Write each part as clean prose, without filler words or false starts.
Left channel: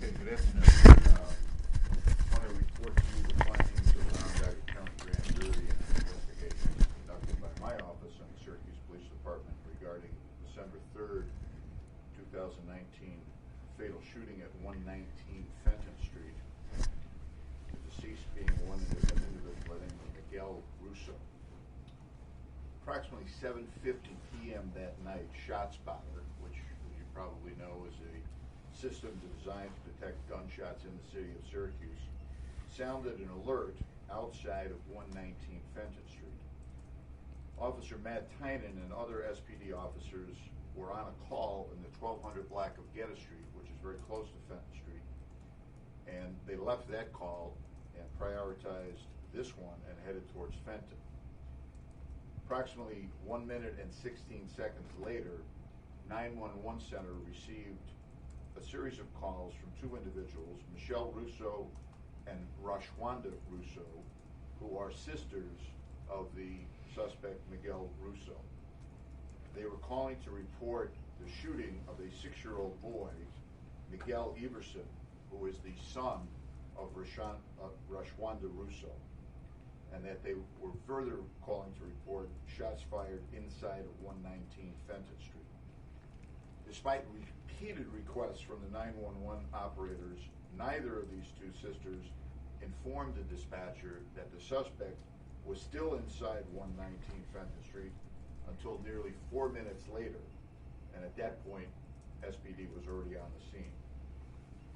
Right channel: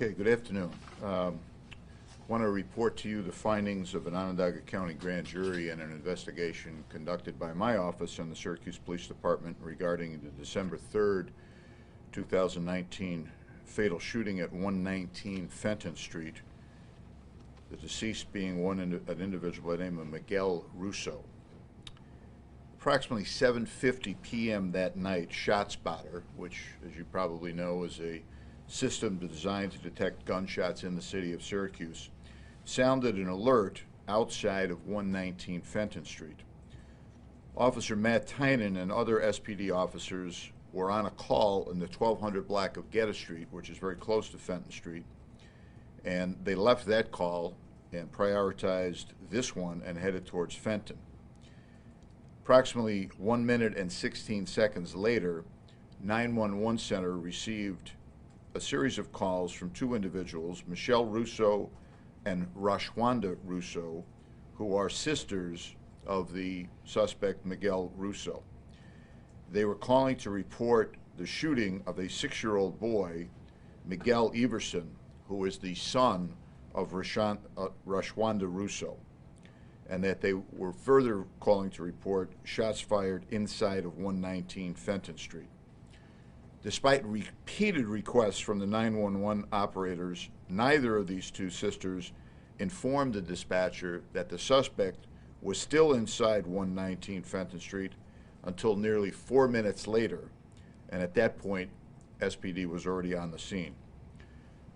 Okay, good afternoon. Want to report to you the findings of an Onondaga County grand jury and an investigation conducted by my office and the Syracuse Police Department regarding the December 3rd, 2019 fatal shooting at 119 Fenton Street, the deceased being an individual by the name of Miguel Russo. Approximately 7:50 p.m. that night, ShotSpotter, which, as you probably know, is a system designed to detect gunshots in the city of Syracuse, sounded an alert outside of 119 Fenton Street. Officer Matt Tynan and other SPD officers were on a call in the 1200 block of Geddes Street, which is very close to Fenton Street, and they left that call and prioritized this one and headed towards Fenton. Approximately 1 minute and 16 seconds later, 911 Center received a series of calls from two individuals, Michelle Russo and Rashwanda Russo, who are sisters of the suspect Miguel Russo. They were calling to report the shooting of a 6-year-old boy, Miguel Everson, who is the son of Rashwanda Russo, and that they were further calling to report shots fired inside of 119 Fenton Street. Despite repeated requests from the 911 operators, neither of these two sisters informed the dispatcher that the suspect was still inside 119 Fenton Street until nearly 4 minutes later, and at that point, SPD was already on the scene.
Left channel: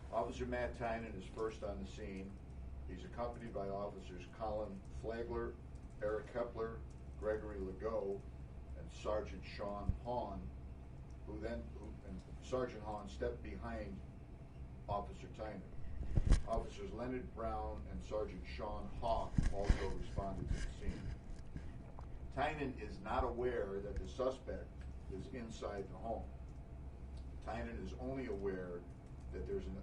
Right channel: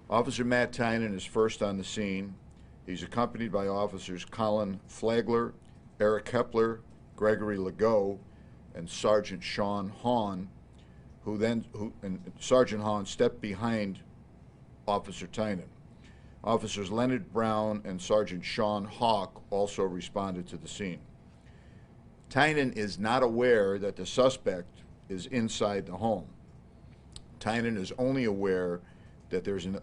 Officer Matt Tynan is first on the scene. He's accompanied by officers Colin Flagler, Eric Hepler, Gregory Legault, and Sergeant Sean Hahn, and Sergeant Hahn stepped behind Officer Tynan. Officers Leonard Brown and Sergeant Sean Hawk also responded to the scene. Tynan is not aware that the suspect is inside the home. Tynan is only aware that there's an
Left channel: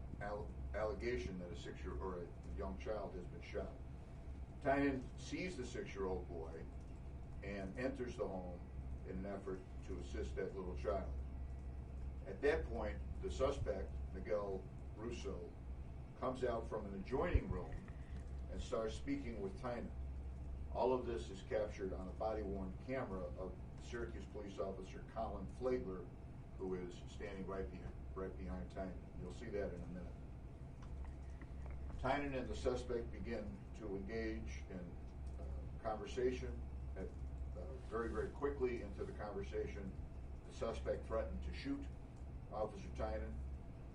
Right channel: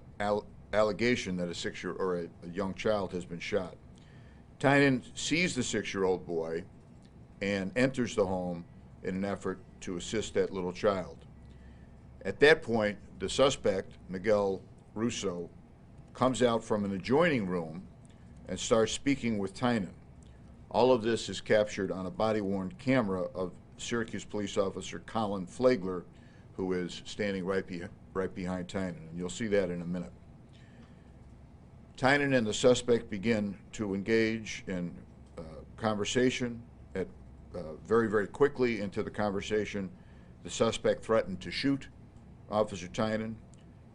allegation that a young child has been shot. Tynan sees the 6-year-old boy and enters the home in an effort to assist that little child. At that point, the suspect, Miguel Russo, comes out from an adjoining room and starts speaking with Tynan. All of this is captured on a body-worn camera of Syracuse police officer Colin Flagler, who is standing right behind Tynan, and you'll see that in a minute. Tynan and the suspect begin to engage in conversation. Very, very quickly into the conversation, the suspect threatened to shoot Officer Tynan.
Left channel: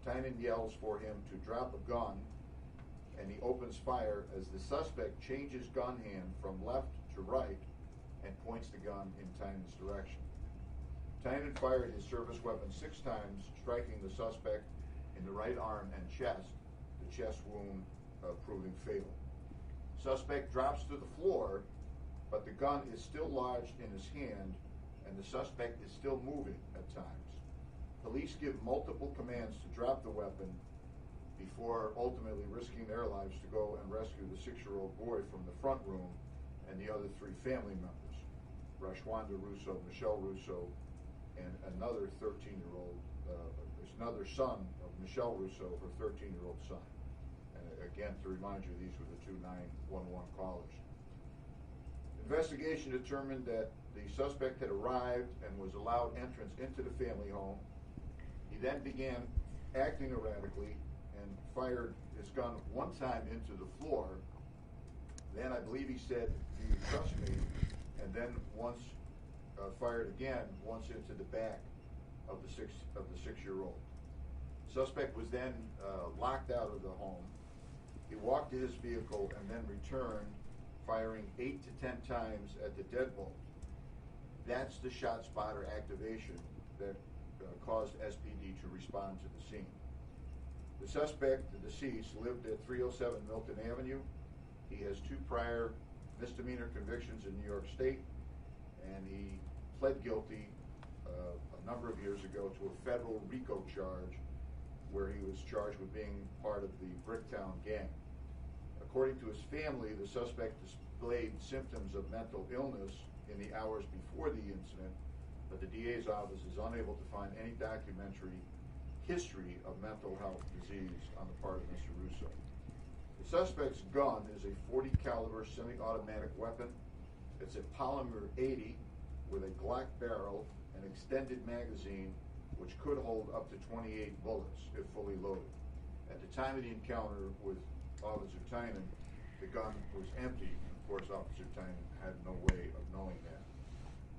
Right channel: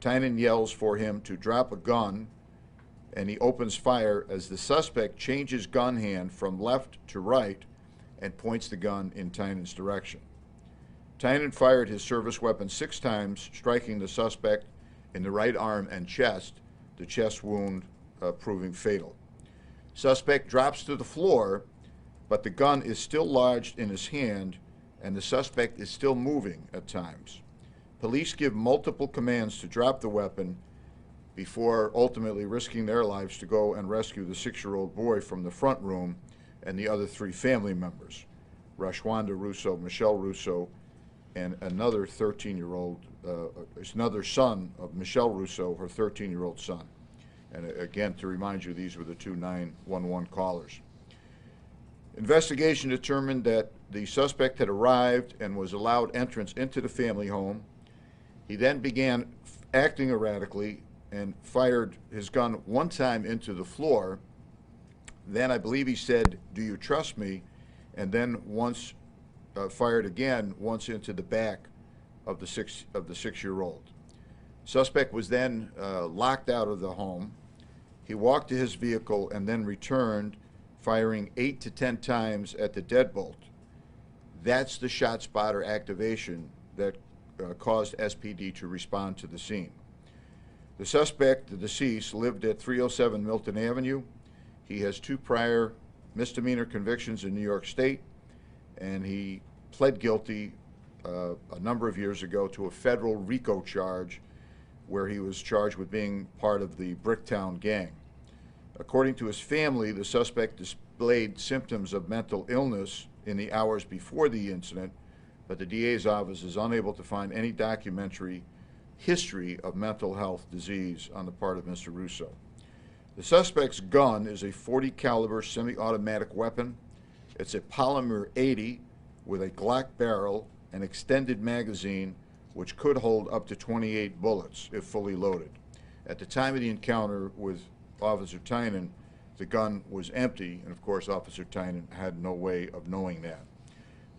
Tynan yells for him to drop a gun, and he opens fire as the suspect changes gun hand from left to right and points the gun in Tynan's direction. Tynan fired his service weapon 6 times, striking the suspect in the right arm and chest, the chest wound proving fatal. Suspect drops to the floor, but the gun is still lodged in his hand, and the suspect is still moving at times. Police give multiple commands to drop the weapon before ultimately risking their lives to go and rescue the 6-year-old boy from the front room and the other 3 family members, Rashwanda Russo, Michelle Russo, and another 13-year-old, another son of Michelle Russo, her 13-year-old son. And again, to remind you, these were the 2 911 callers. Investigation determined that the suspect had arrived and was allowed entrance into the family home. He then began acting erratically and fired his gun 1 time into the floor. Then I believe he said, "Do you trust me?" And then once fired again once into the back of the 6-year-old. Suspect was then locked out of the home. He walked to his vehicle and then returned, firing 8 to 10 times at the deadbolt. That's the ShotSpotter activation that caused SPD to respond to the scene. The suspect, the deceased, lived at 307 Milton Avenue. He has 2 prior misdemeanor convictions in New York State, and he pled guilty a number of years ago to a federal RICO charge where he was charged with being part of the Bricktown gang. According to his family, the suspect displayed symptoms of mental illness in the hours before the incident, but the DA's office is unable to find any documentary history of mental health disease on the part of Mr. Russo. The suspect's gun is a .40 caliber semi-automatic weapon. It's a polymer 80 with a Glock barrel and extended magazine which could hold up to 28 bullets if fully loaded. At the time of the encounter with Officer Tynan, the gun was empty, and of course Officer Tynan had no way of knowing that.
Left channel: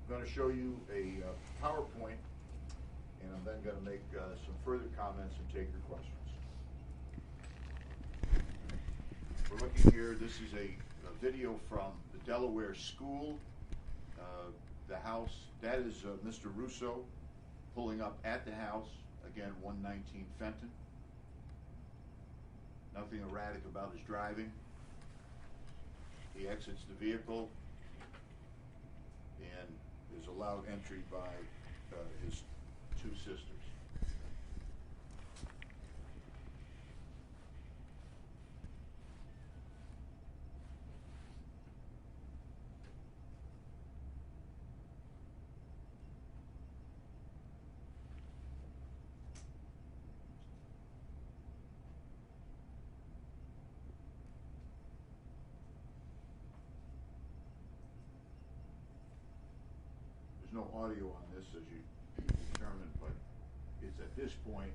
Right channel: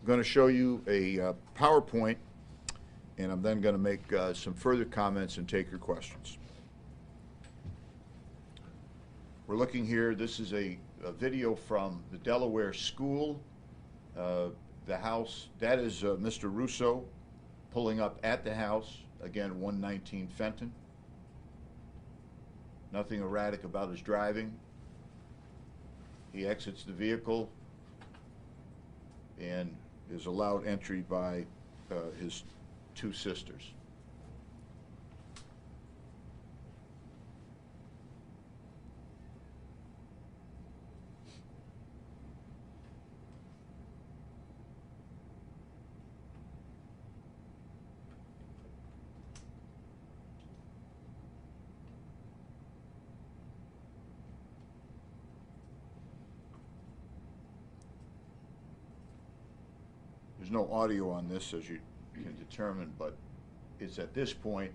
I'm going to show you a PowerPoint, and I'm then going to make some further comments and take your questions. We're looking here, this is a video from the Delaware school. The house, that is Mr. Russo pulling up at the house, again 119 Fenton. Nothing erratic about his driving. He exits the vehicle and is allowed entry by his two sisters. There's no audio on this, as you can determine, but it's at this point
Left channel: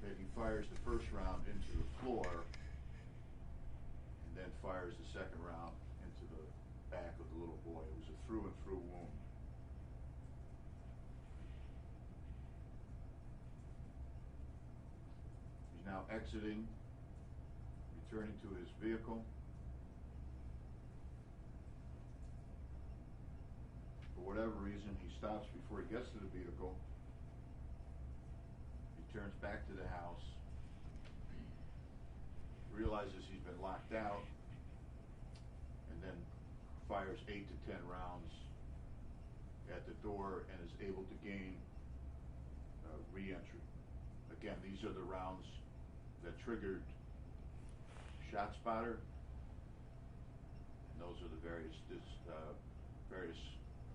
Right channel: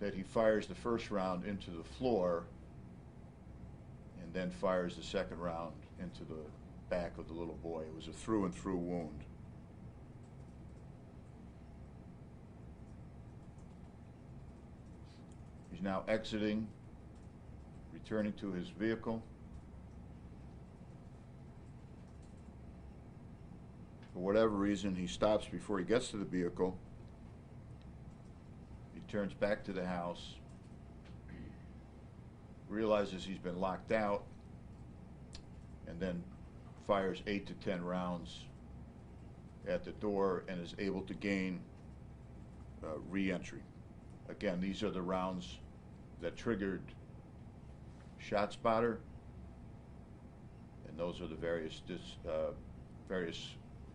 that he fires the first round into the floor and then fires the second round into the back of the little boy. It was a through and through wound. He's now exiting, returning to his vehicle. For whatever reason, he stops before he gets to the vehicle. He turns back to the house, realizes he's been locked out, and then fires 8 to 10 rounds at the door and is able to gain re-entry. Again, these are the rounds that triggered ShotSpotter, and those are the various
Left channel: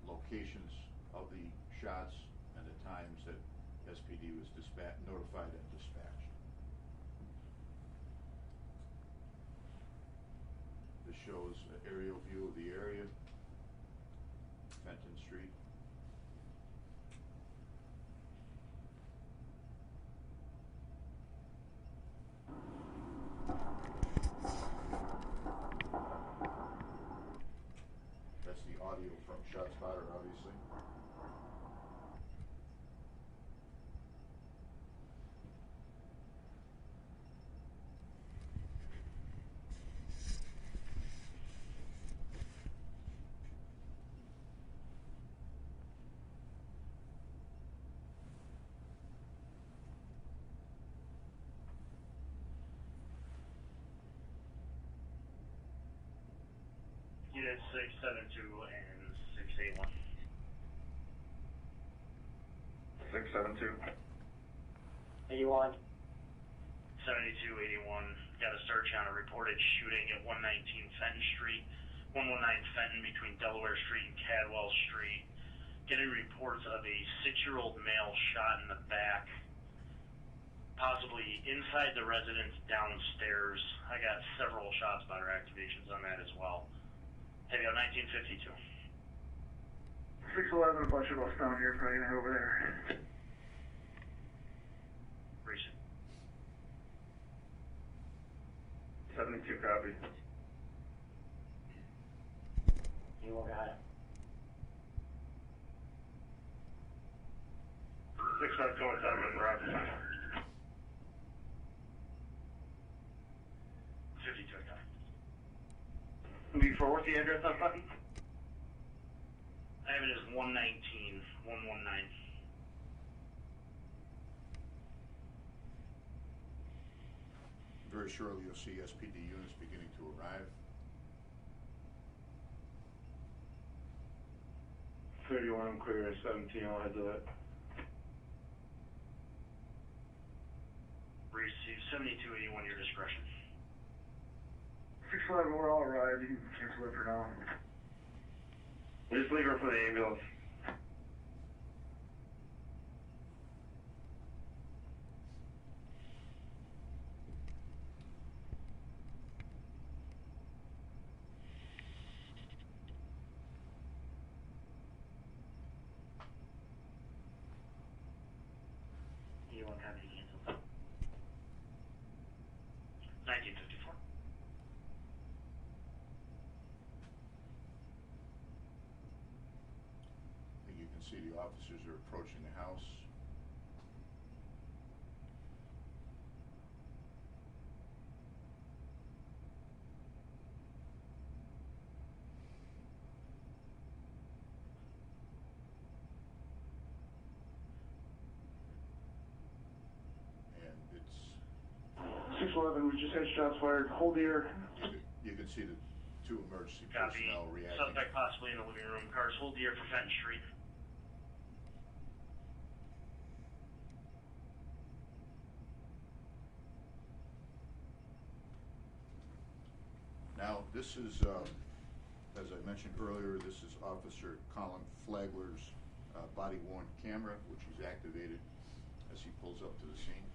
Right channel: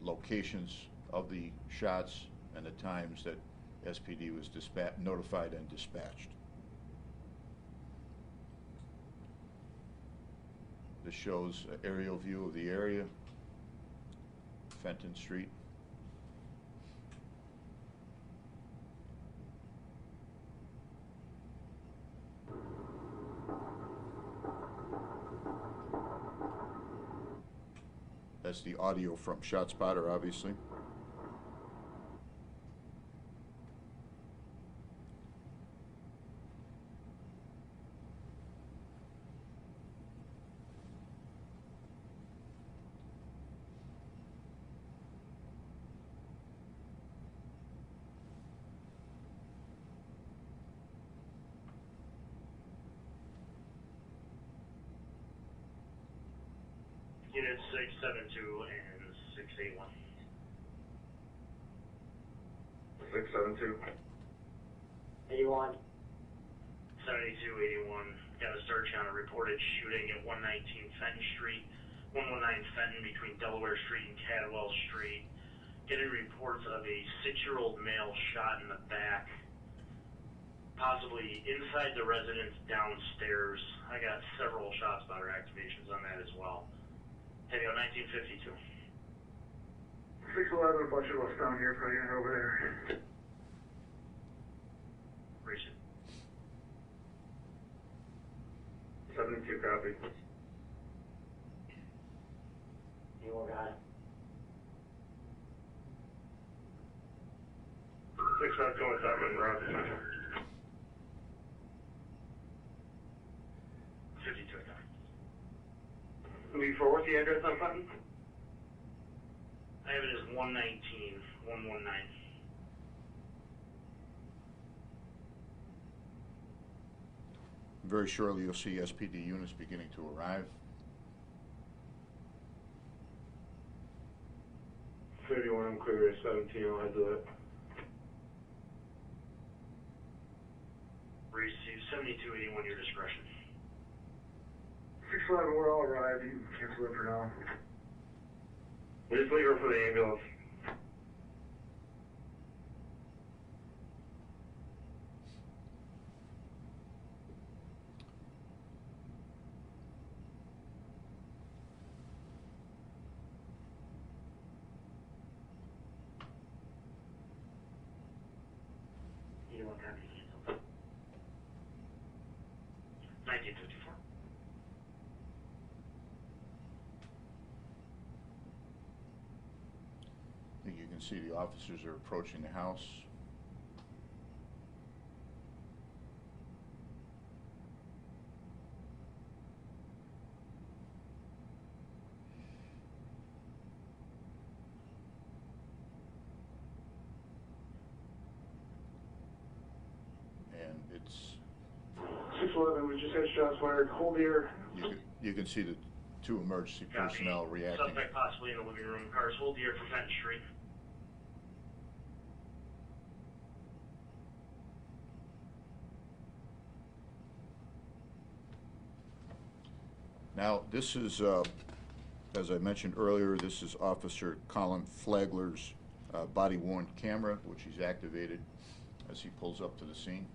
locations of the shots and the times that SPD was notified and dispatched. This shows an aerial view of the area, Fenton Street. That's the audio from ShotSpotter, obviously. Unit 672 and 681. 672. 81. 72, 81. Got a search on a reported shooting at 119 Fenton Street, 119 Fenton between Delaware Street and Cadwell Street. Getting reports of a 6-year-old male shot in the back, possibly inside the residence downstairs. I got several ShotSpotter activations on that as well. Heavy on 1952. 611, a bunch of us down here, probably gonna head over there. Recent. 72 copy. You all got it. 6527, Roger. 52. Lead for what's the address on Fenton? I have it as 119, 119. Very shortly you'll see SPD units beginning to arrive. 31, I'm clear at 17, I'll head to it. Receive 7281, your discretion. 611, we're all arrived. You can cancel it for now. We just leave her for the ambulance. see the officers are approaching the house. And it's, 611, we just had shots fired. Hold here. you can see the two emergency Copy. personnel reacting. Suspect possibly in the living room. Cars hold here for Fenton Street. Now, this is, as I mentioned earlier, this is Officer Colin Flagler's body-worn camera, which he's activated as he pulls up to the scene.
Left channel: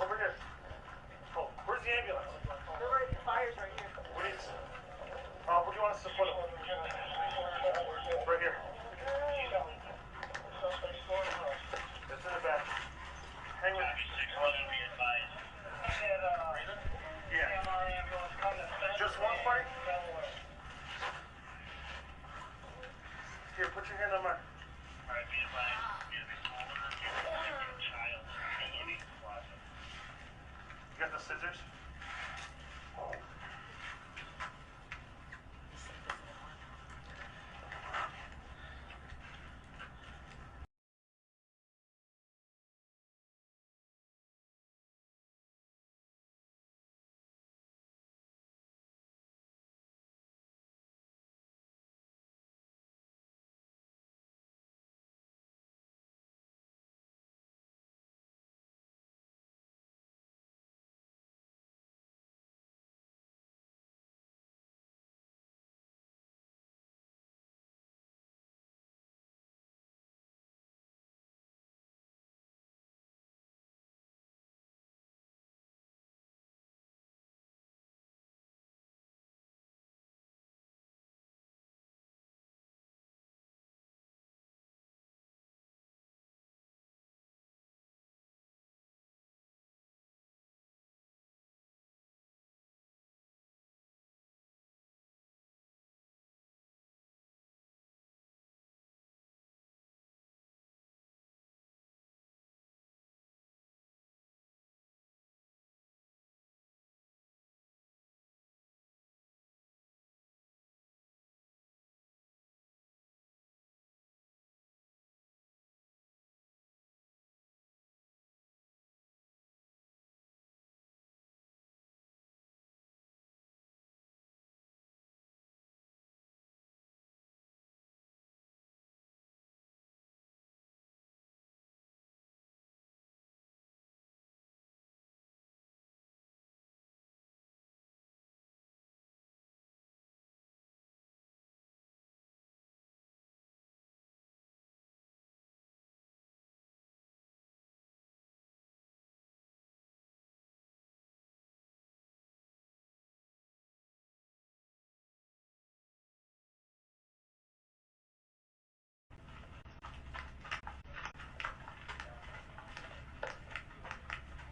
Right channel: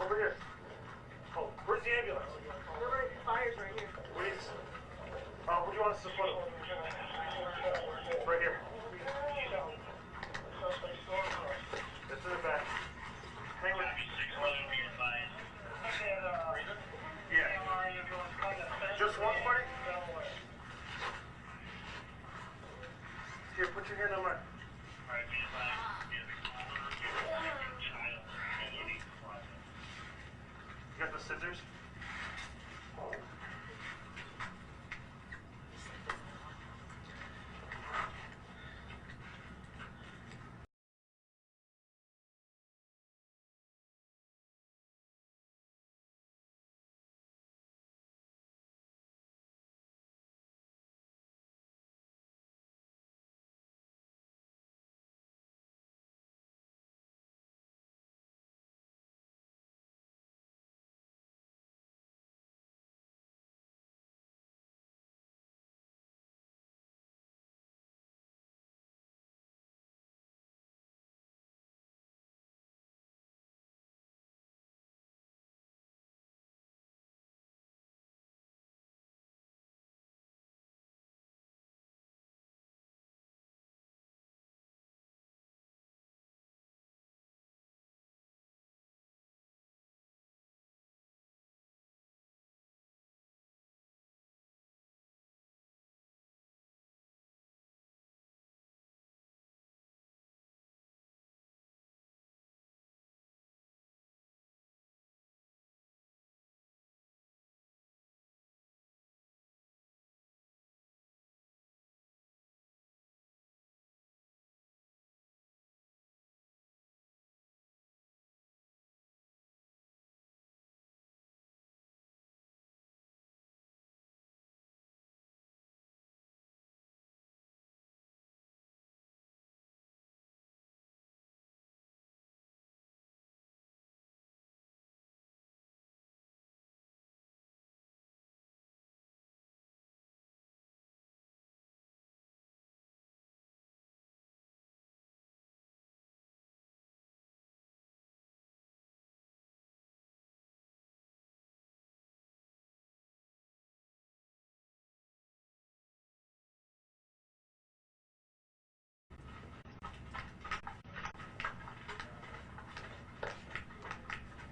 Over here. Oh, where's the ambulance? The fire's right here. Please. Where do you want us to put him? Right here. It's in the back. Hang with me. Yeah. Just one part? Here, put your hand on mine. You got the scissors?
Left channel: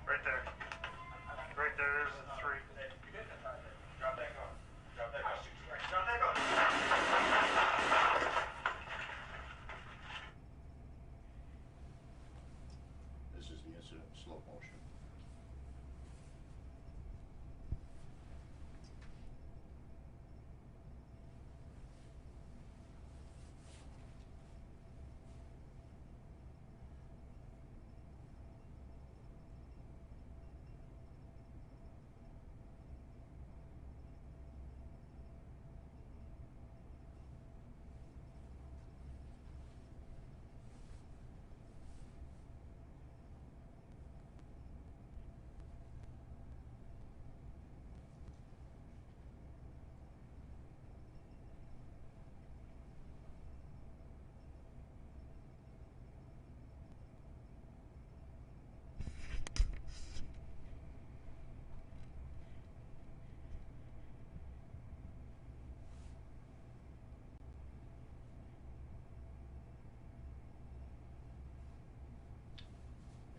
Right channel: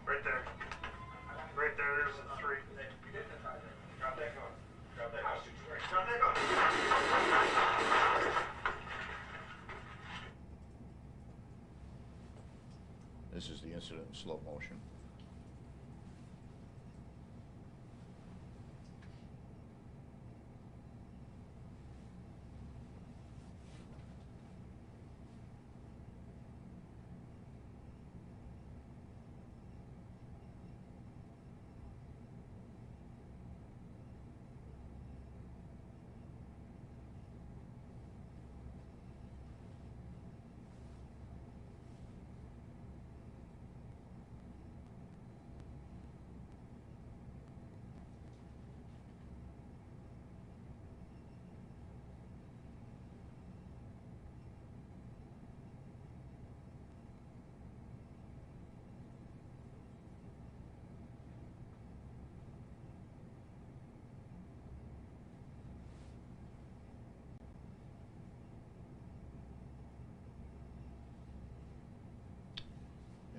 Right there. Right there, there's a 3. Drop that gun. Drop that gun. Drop that gun. This is the incident in slow motion.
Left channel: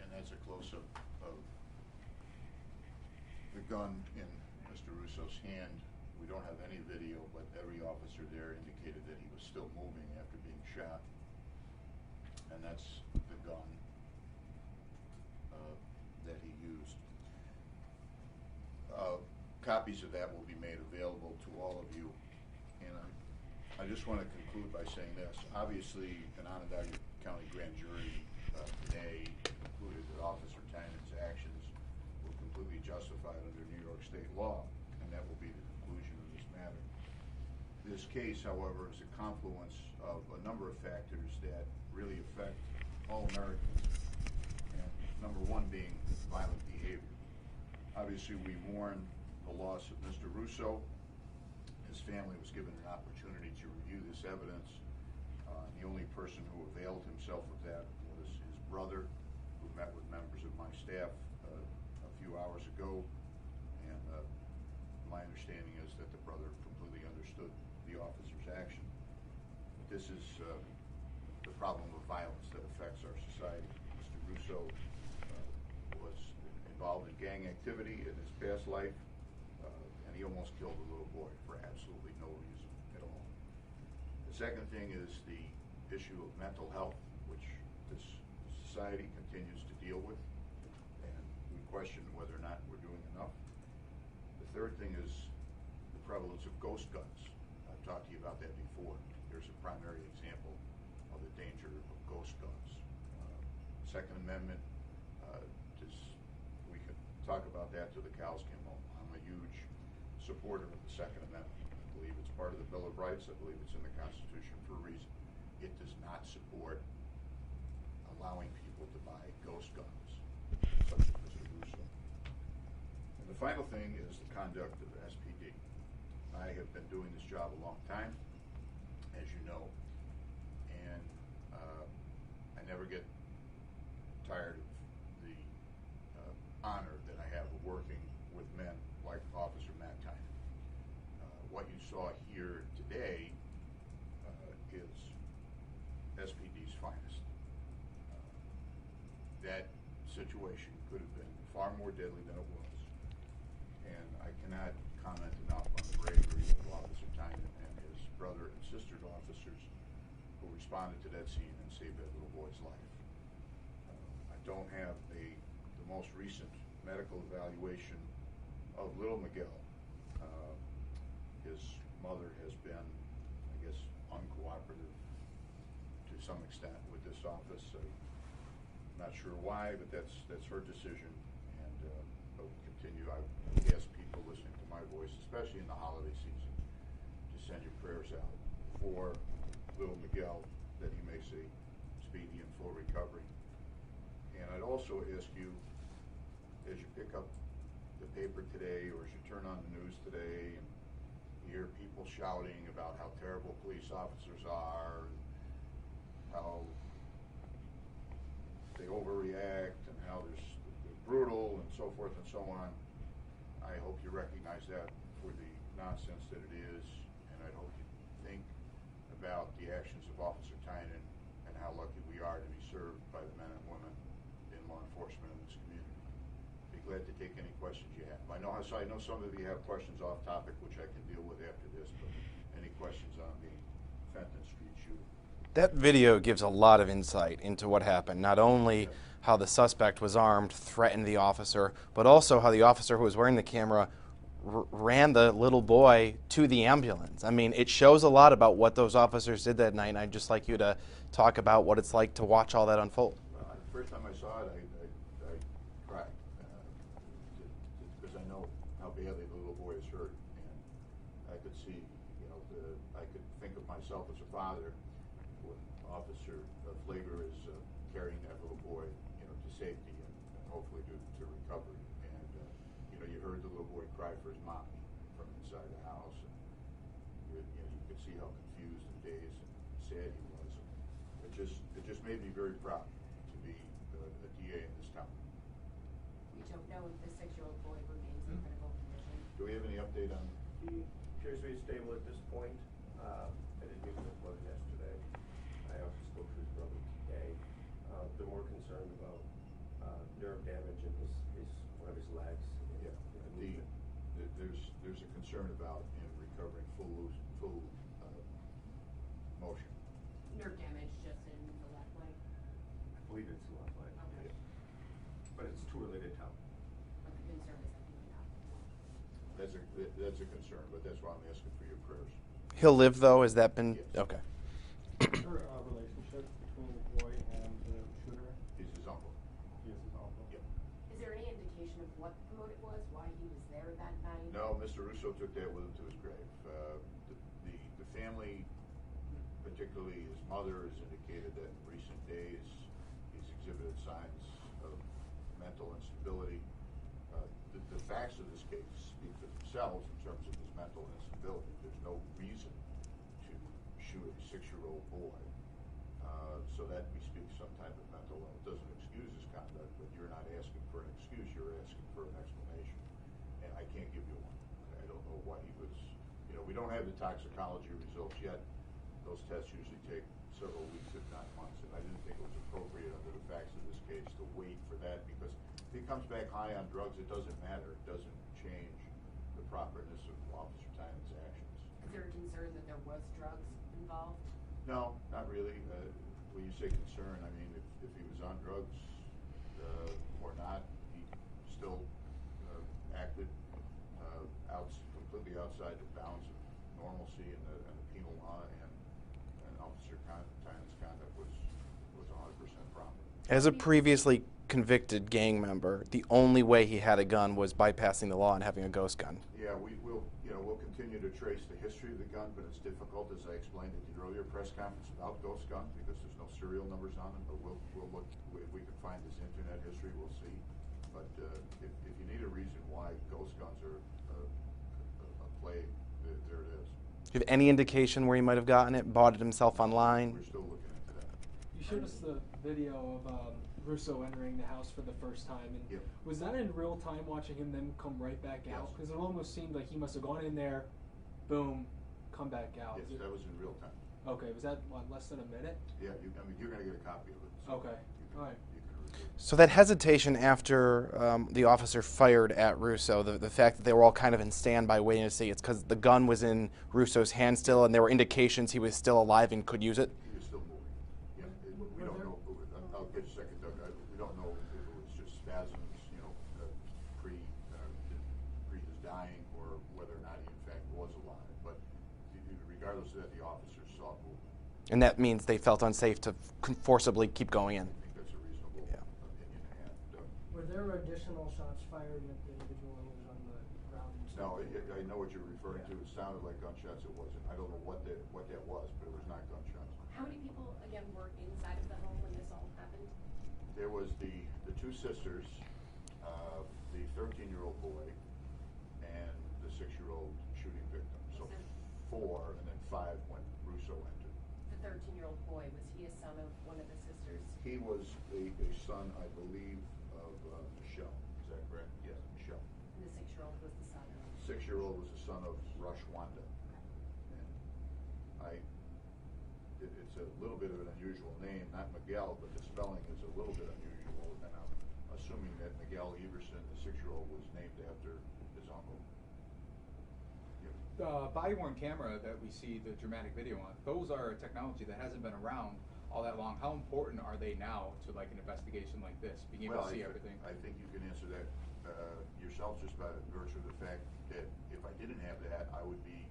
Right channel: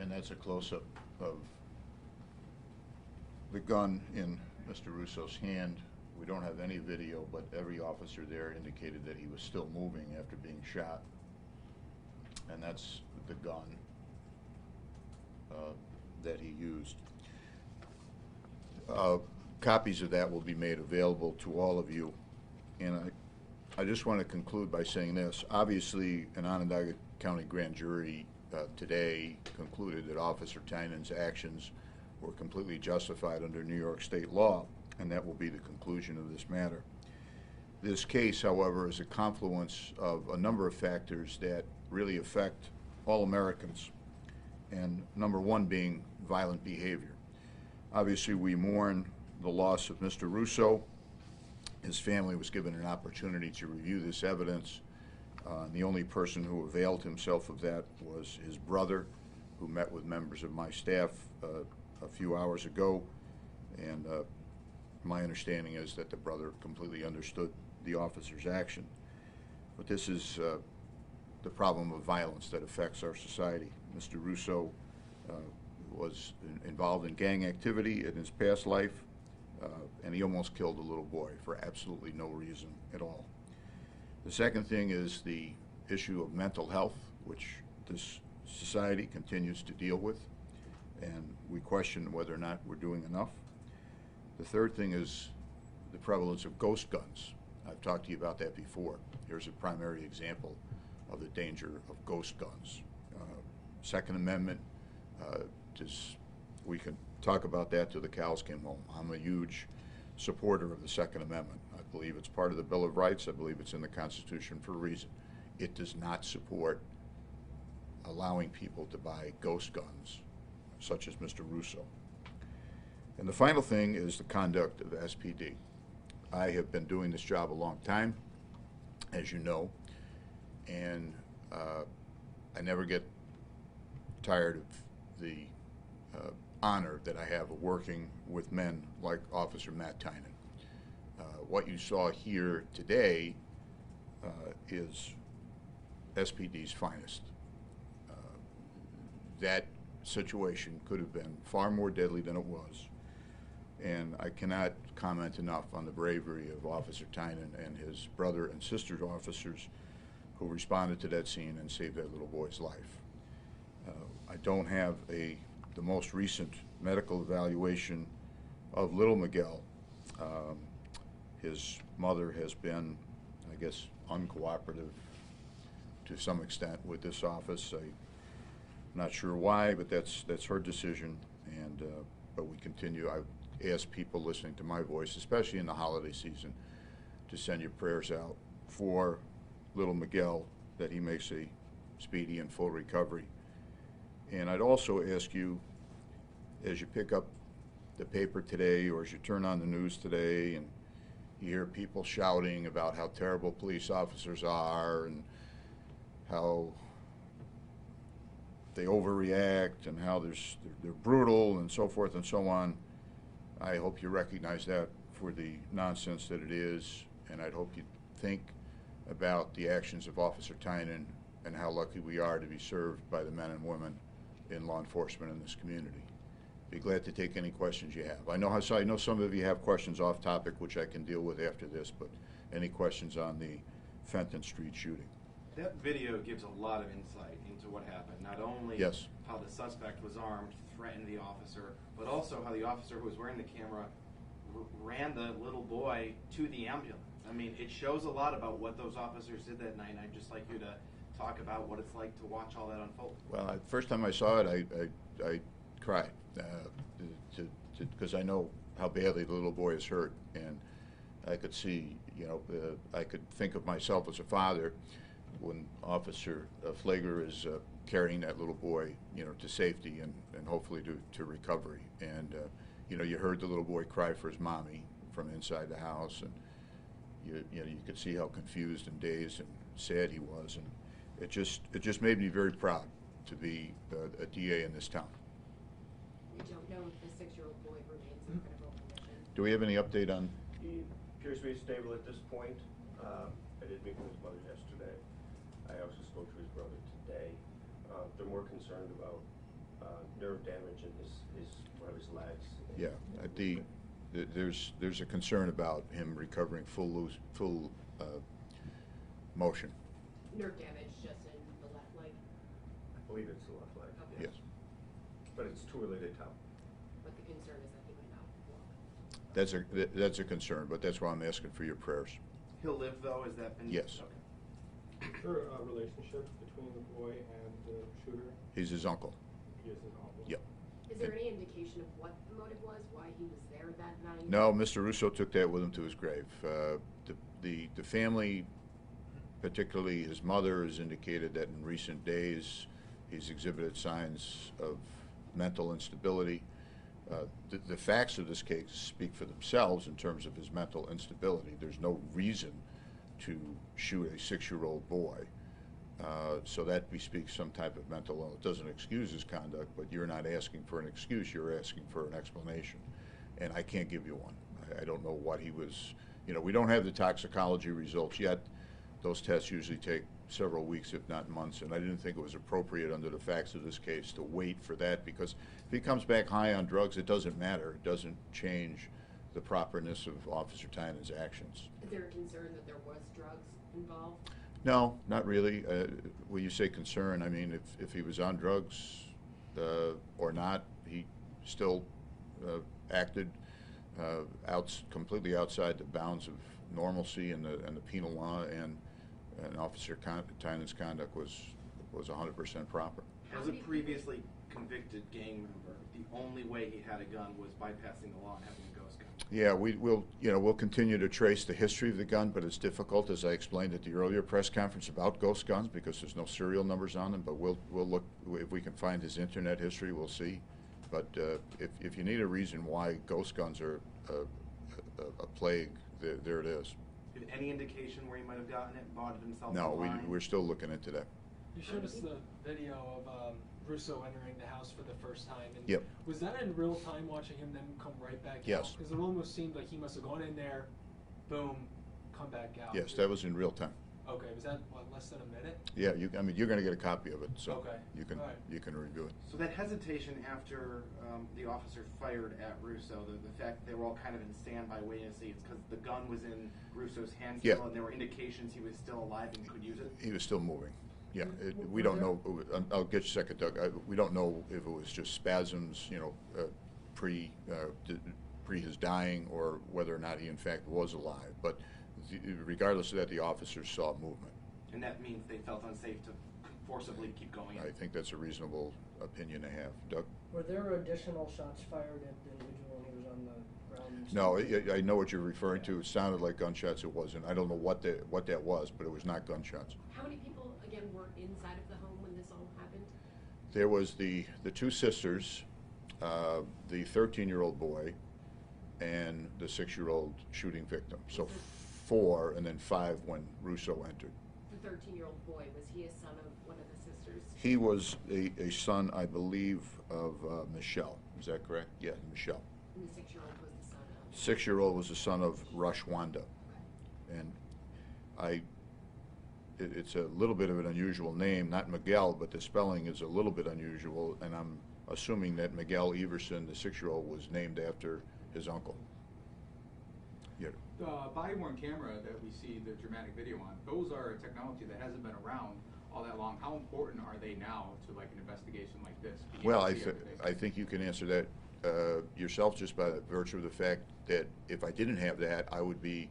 And that's a close-up of the gun in Mr. Russo's hand. We don't have any video, but every officer there indicated that he was still moving after being shot. And that's the gun that he used. Copies of that will be made available to all of you. And I just want to conclude by saying this. Obviously, an Onondaga County grand jury today concluded that Officer Tynan's actions were completely justified under New York state law, and that will be the conclusion of this matter. This case, however, is a confluence of a number of factors that really affect all Americans, and number one being violent behavior. Obviously, we mourn the loss of Mr. Russo. His family was given an opportunity to review this evidence. The only person who availed himself of that was his brother, who met with members of my staff a few hours ago, and my understanding is that the brother completely understood the officer's action. But this is the problem of violence that affects our society. Mr. Russo was involved in gang activity in his past life, and he almost killed a little boy for absolutely no reason at all. The second thing is the issue of mental health, which this society continues to deal with, and we question whether or not we're doing enough. The third thing is the prevalence of ghost guns. I've talked to you about that before. Here's a primary example of the danger of ghost guns. Second Amendment, we can talk about that till the cows came home. I'm a huge supporter of the Second Amendment. I believe it's part of the Bill of Rights. I believe it's in the Constitution for a reason. It does not support allowing people to buy ghost guns, such as Mr. Russo. And the final thing is the conduct of the SPD. I have been doing this job a long time, as you know, and I never get tired of the honor that I have of working with men like Officer Matt Tynan. What you saw here today is SPD's finest. That situation could have been far more deadly than it was, and I cannot comment enough on the bravery of Officer Tynan and his brother and sister officers who responded to that scene and saved that little boy's life. I don't have the most recent medical evaluation of little Miguel. His mother has been, I guess, uncooperative to some extent with this office. I'm not sure why, but that's her decision. And but we continue. I ask people listening to my voice, especially in the holiday season, to send your prayers out for little Miguel, that he makes a speedy and full recovery. And I'd also ask you, as you pick up the paper today, or as you turn on the news today, and you hear people shouting about how terrible police officers are and how they overreact and how they're brutal and so forth and so on, I hope you recognize that for the nonsense that it is, and I'd hope you think about the actions of Officer Tynan and how lucky we are to be served by the men and women in law enforcement in this community. Be glad to take any questions you have. I know some of you have questions off topic, which I can deal with after this, but any questions on the Fenton Street shooting? That video gives a lot of insight into what happened. Not only Yes. how the suspect was armed, threatened the officer, but also how the officer who was wearing the camera ran the little boy to the ambulance. I mean, it shows a lot about what those officers did that night, and I'd just like you to talk about what it's like to watch all that unfold. Well, the first time I saw it, I cried, because I know how badly the little boy is hurt, and I could see, I could think of myself as a father when Officer Flagler is carrying that little boy, to safety and hopefully to recovery. And you heard the little boy cry for his mommy from inside the house, and you could see how confused and dazed and sad he was, and it just made me very proud to be a DA in this town. We don't know if the 6-year-old boy remains in critical condition. Do we have any update on? He appears to be stable at this point. I did meet with his mother yesterday. I also spoke to his brother today. They're more concerned about nerve damage in one of his legs. Yeah, there's a concern about him recovering full motion. Nerve damage just in the left leg. I believe it's the left leg. Okay. Yes, But it's too early to tell. But the concern is that he might not. that's a concern, but that's why I'm asking for your prayers. He'll live, though? Has that been? Yes. Okay. Is there a relationship between the boy and the shooter? He's his uncle. He is his uncle? Yep. Is there any indication of what the motive was, why he was there that night? No, Mr. Russo took that with him to his grave. The family, particularly his mother, has indicated that in recent days he's exhibited signs of mental instability. The facts of this case speak for themselves in terms of his mental instability. There's no reason to shoot a 6-year-old boy. So that bespeaks some type of mental illness. It doesn't excuse his conduct, but you're not asking for an excuse, you're asking for an explanation. And I can't give you one. I don't know what he was, we don't have the toxicology results yet. Those tests usually take several weeks, if not months, and I didn't think it was appropriate under the facts of this case to wait for that, because if he comes back high on drugs, it doesn't matter. It doesn't change the properness of Officer Tynan's actions. Is there a concern that there was drugs involved? No, not really. When you say concern, I mean, if he was on drugs or not, he still acted completely outside the bounds of normalcy and the penal law, and Officer Tynan's conduct was 100% proper. As a previously convicted gang member, the only way he had a gun was bypassing the law and having a ghost gun. Yeah, we'll continue to trace the history of the gun, but it's difficult, as I explained at the earlier press conference about ghost guns, because there's no serial numbers on them. But we'll look, if we can find his internet history, we'll see. But if you need a reason why ghost guns are a plague, there it is. Do you have any indication where he might have gotten it, bought it himself No, online? we're still looking into that. You showed us the video of Russo entering the house for the first time. And Yep. Was that in real time, watching him then come right back out? Yes. Because it almost seemed like he must have gone in there, boom, come back out. Yes, that was in real time. Okay, was that, what, less than a minute? Yeah, you're going to get a copy of it, so Okay. All right. you can review it. So that hesitation after the officer fired at Russo, the fact that they were all kind of in standby waiting to see, it's because the gun was in Russo's hand still, Yeah. and there were indications he was still alive and could use it? He was still moving. Yeah, we don't know. I'll get you a second, Doug. We don't know if it was just spasms, pre his dying, or whether or not he in fact was alive. But regardless of that, the officers saw movement. And that means they felt unsafe to forcibly keep going in. I think that's a reasonable opinion to have, Doug. Were there additional shots fired at the individual when he was on the ground? No, I know what you're referring to. It sounded like gunshots. It wasn't. I don't know what that was, but it was not gunshots. How many people, again, were inside of the home when this all happened? There was the two sisters, the 13-year-old boy, and the 6-year-old shooting victim. So 4, and then 5 when Russo entered. The 13-year-old boy, was he a son of one of the sisters? He was a son, I believe, of Michelle. Is that correct? Yeah, Michelle. And the 6-year-old was the son of? 6-year-old was the son of Rushwanda. And it's a little bit of an unusual name, not Miguel, but the spelling is a little bit unusual, and I'm assuming that Miguel Everson, the 6-year-old, was named after his uncle. Yeah. Body-worn camera that we see the dramatic video on, those are technology that hasn't been around all that long. How important are they now to like an investigation like this? Well, I think you can answer that yourself just by the virtue of the fact that if I didn't have that, I would be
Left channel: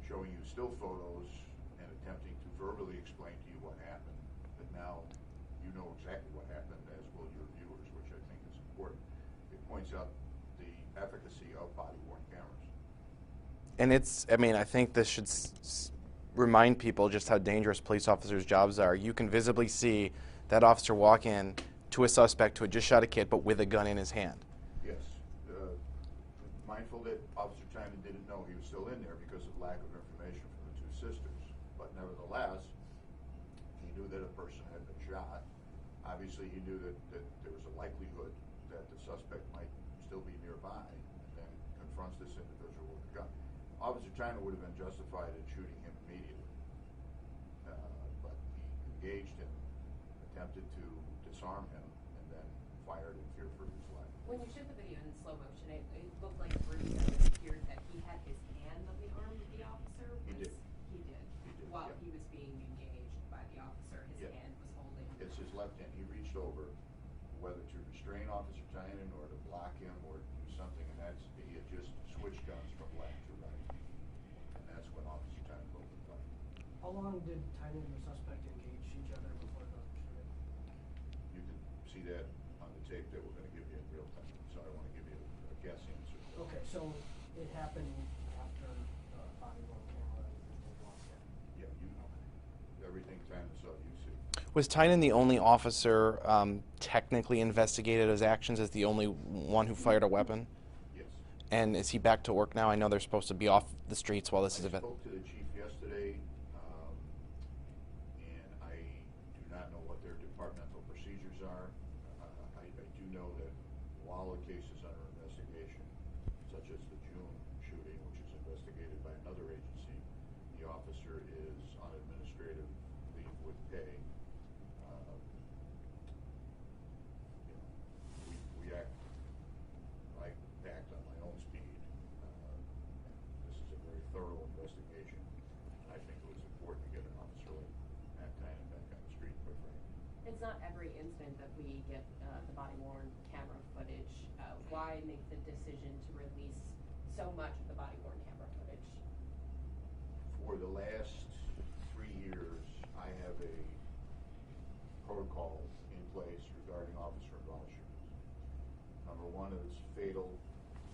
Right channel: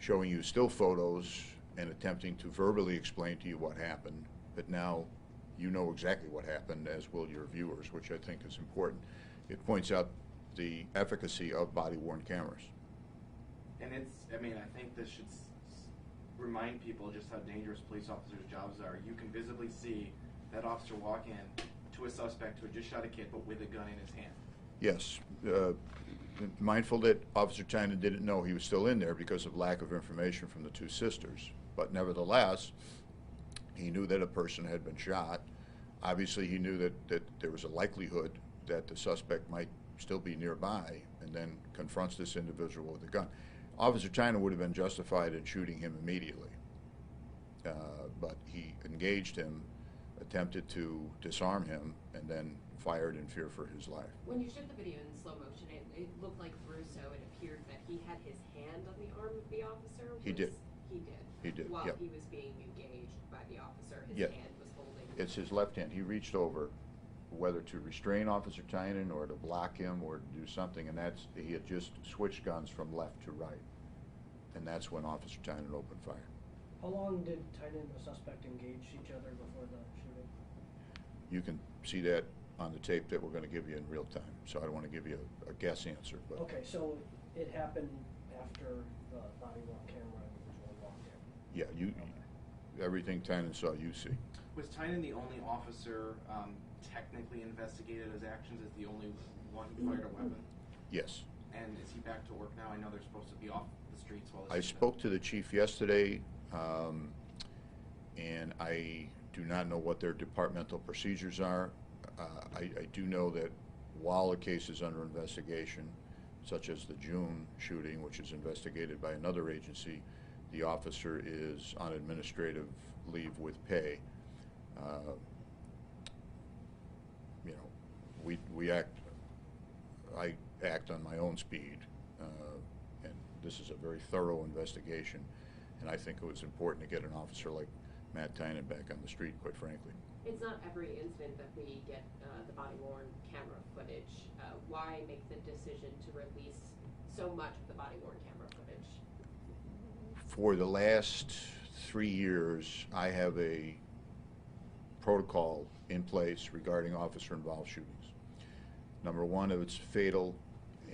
showing you still photos and attempting to verbally explain to you what happened. But now you know exactly what happened, as will your viewers, which I think is important. It points out the efficacy of body-worn cameras. And I think this should remind people just how dangerous police officers' jobs are. You can visibly see that officer walk in to a suspect who had just shot a kid, but with a gun in his hand. Yes. Mindful that Officer Tynan didn't know he was still in there because of lack of information from the two sisters. But nevertheless, he knew that a person had been shot. Obviously, he knew that there was a likelihood that the suspect might still be nearby, and then confronts this individual with a gun. Officer Tynan would have been justified in shooting him immediately, but he engaged him, attempted to disarm him, and then fired in fear for his life. When you showed the video in slow motion, it looked like Russo, it appeared that he had his hand on the arm of the officer. He did. He did. While yeah. he was being engaged by the officer, his Yeah. hand was holding. It's his left hand. He reached over, whether to restrain Officer Tynan or to block him or do something, and he had just switched guns from left to right, and that's when Officer Tynan opened fire. How long did Tynan and the suspect engage each other before the shooting? You can see that on the tape that we're going to give you in real time, so I don't want to give you a guess answer. But Okay, so it happened after the body-worn camera visual walked in? yeah, everything Tynan saw, you see. Was Tynan the only officer technically investigated his actions as the only one who fired a weapon? Yes. And is he back to work now? I know they're supposed to be off the streets while this I is spoke to the chief yesterday, and I do not know what their departmental procedures are. I do know that while the case is under investigation, such as the June shooting, which is investigated by another agency, the officer is on administrative leave with pay. You know, I act on my own speed, and this is a very thorough investigation, and I think it was important to get an officer like Matt Tynan back on the street, quite frankly. It's not every incident that we get the body-worn camera footage. Why make the decision to release so much of the body-worn camera footage? For the last 3 years, I have a protocol in place regarding officer-involved shootings. Number one, if it's fatal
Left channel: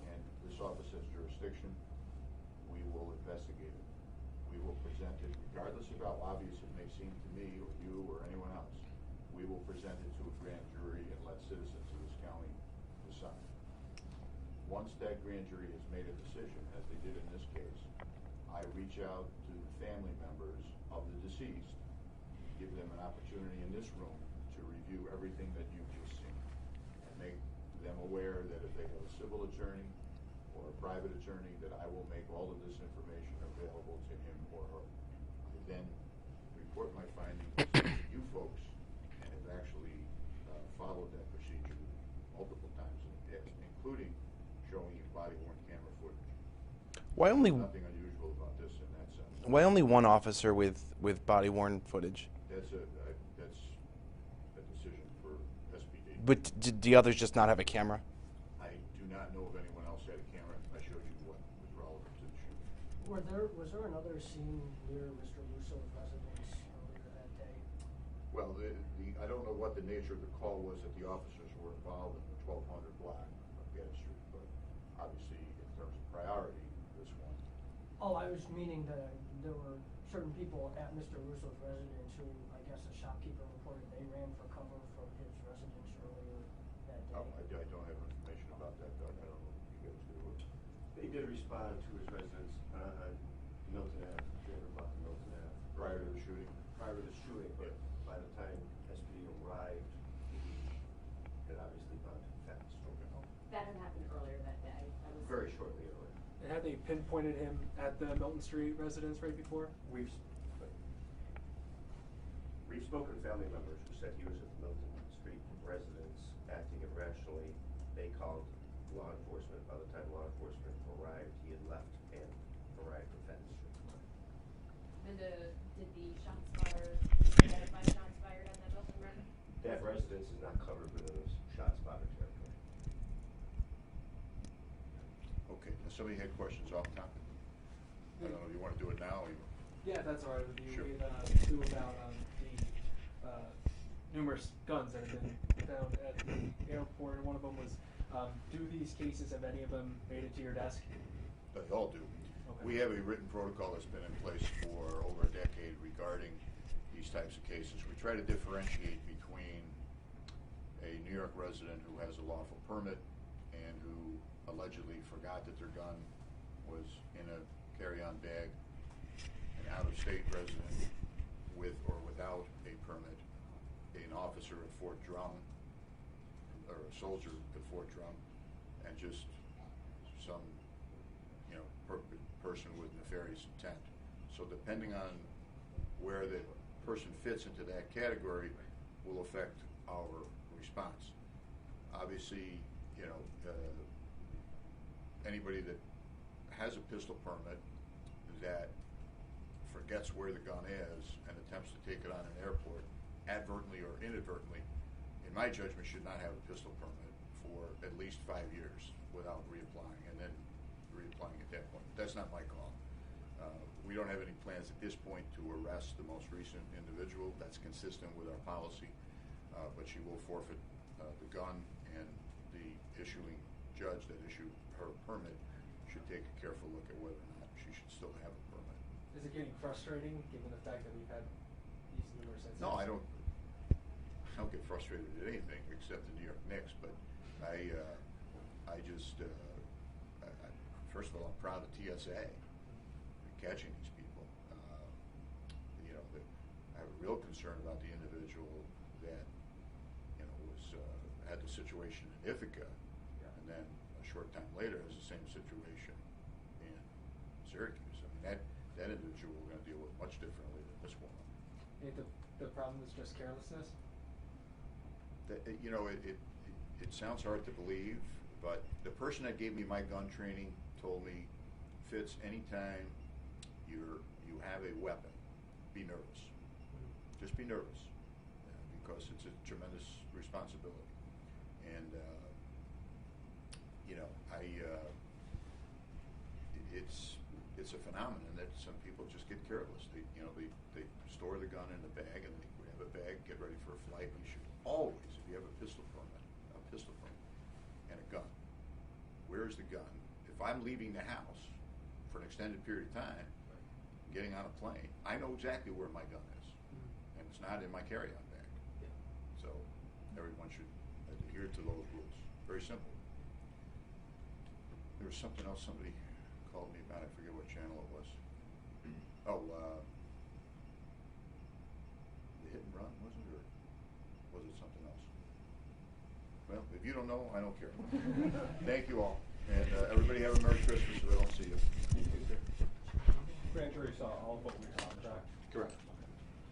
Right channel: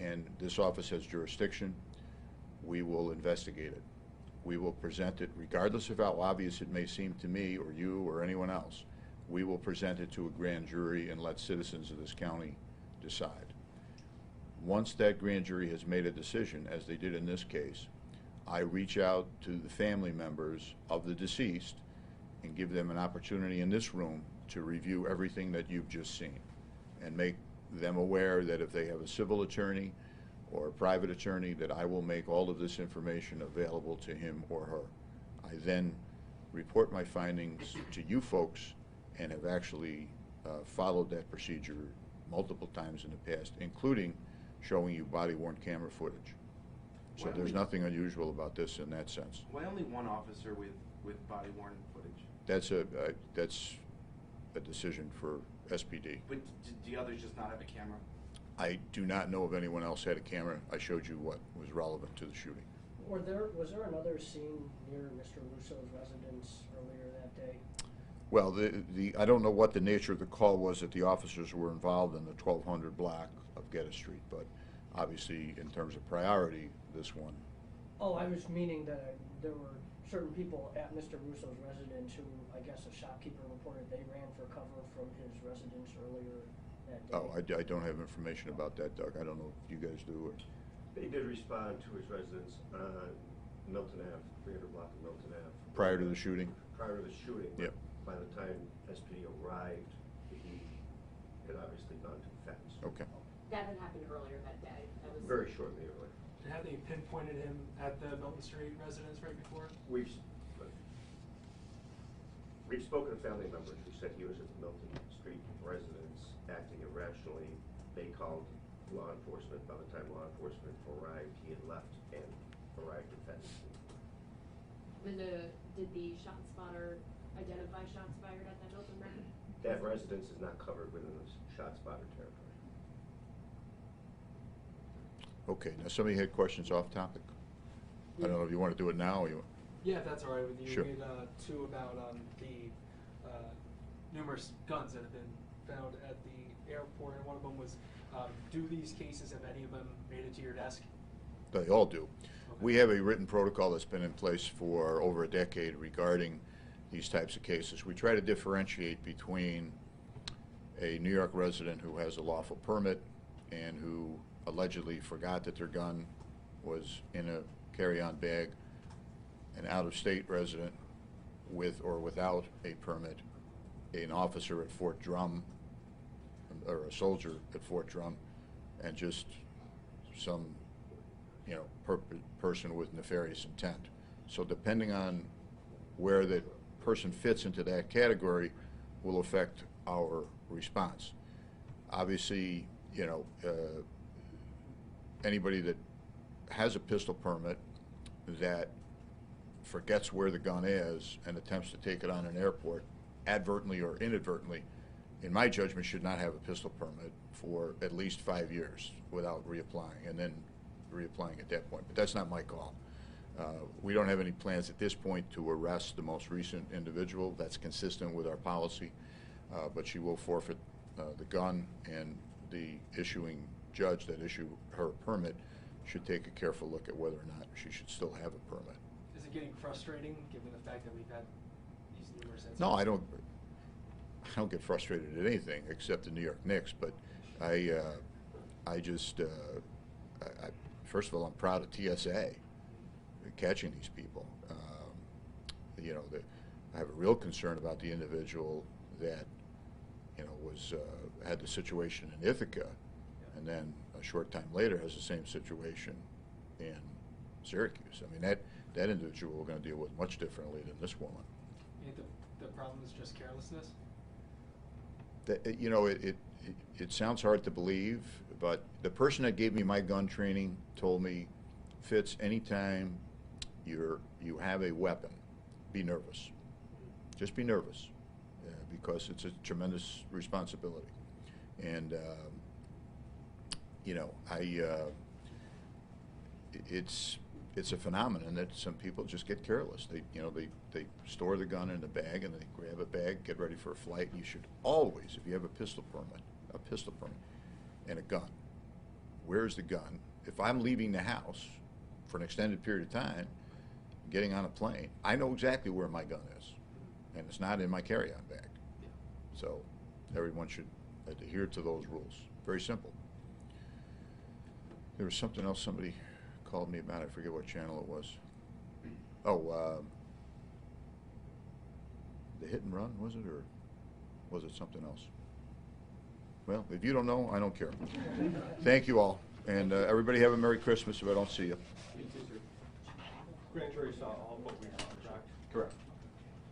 and this office has jurisdiction, we will investigate it. We will present it, regardless of how obvious it may seem to me or you or anyone else. We will present it to a grand jury and let citizens of this county decide. Once that grand jury has made a decision, as they did in this case, I reach out to the family members of the deceased and give them an opportunity in this room to review everything that you've just seen and make them aware that if they have a civil attorney or a private attorney, that I will make all of this information available to him or her. I then report my findings to you folks and have actually followed that procedure multiple times in the past, including showing you body-worn camera footage. Why So only there's nothing unusual about this in that sense. Why only one officer with body-worn footage? That's a decision for SPD. But did the others just not have a camera? I do not know if anyone else had a camera. I showed you what was relevant to the shooting. Was there another scene near Mr. Russo's residence earlier that day? Well, I don't know what the nature of the call was that the officers were involved in the 1200 block of Geddes Street, but obviously in terms of priority, this one. Oh, I was meaning that there were certain people at Mr. Russo's residence who, I guess a shopkeeper reported they ran for cover from his residence earlier that day. Oh, I don't have information about that, Doug. I don't know if you guys do. Or... They did respond to his residence on Milton Ave, 300 block of Milton Ave. Prior to the shooting? Prior to the shooting. Yep. By the time SPD arrived, he had obviously gone too fast. Okay. That had happened earlier that day. That was Very shortly earlier. And had they pinpointed him at the Milton Street residence right before? We've spoken to family members who said he was at the Milton Street residence acting irrationally. They called law enforcement. By the time law enforcement arrived, he had left and arrived at Fenton. Did the shot spotter identify shots fired at that Milton residence? That residence is not covered within the shot spotter territory. Okay, now somebody had questions off topic. I don't know if you want to do it now or you... Yeah, if that's all right with you. Sure. We made two about the numerous guns that have been found at the airport. And one of them was, do these cases, have any of them made it to your desk? They all do. Okay. We have a written protocol that's been in place for over a decade regarding these types of cases. We try to differentiate between a New York resident who has a lawful permit and who allegedly forgot that their gun was in a carry-on bag, an out-of-state resident with or without a permit, an officer at Fort Drum, or a soldier at Fort Drum, and just some, you know, person with nefarious intent. So depending on where the person fits into that category will affect our response. Obviously, you know, anybody that has a pistol permit that forgets where the gun is and attempts to take it on an airport, advertently or inadvertently, in my judgment, should not have a pistol permit for at least 5 years without reapplying, and then reapplying at that point. But that's not my call. We don't have any plans at this point to arrest the most recent individual. That's consistent with our policy, but she will forfeit the gun, and the issuing judge that issued her permit should take a careful look at whether or not she should still have a permit. Is it getting frustrating given the fact that we've had these numerous incidents? No, I don't get frustrated at anything except the New York Knicks, but I just, first of all, I'm proud of TSA catching these people. You know, I have a real concern about the individual that, you know, was, had the situation in Ithaca, and then a short time later has the same situation in Syracuse. I mean, that individual we're gonna deal with much differently than this woman. The problem is just carelessness? That, you know, it sounds hard to believe, but the person that gave me my gun training told me, Fitz, anytime you have a weapon, be nervous. Just be nervous, because it's a tremendous responsibility. And you know, it's a phenomenon that some people just get careless. They store the gun in the bag, and they grab a bag, get ready for a flight. You should always, if you have a pistol permit, and a gun, where's the gun? If I'm leaving the house for an extended period of time, getting on a plane, I know exactly where my gun is, and it's not in my carry-on bag. So everyone should adhere to those rules. Very simple. There was something else somebody called me about. I forget what channel it was. Oh, the hit and run, was it, or was it something else? Well, if you don't know, I don't care. Thank you all, and everybody have a Merry Christmas if I don't see you. Grand jury saw all but we contract. Correct.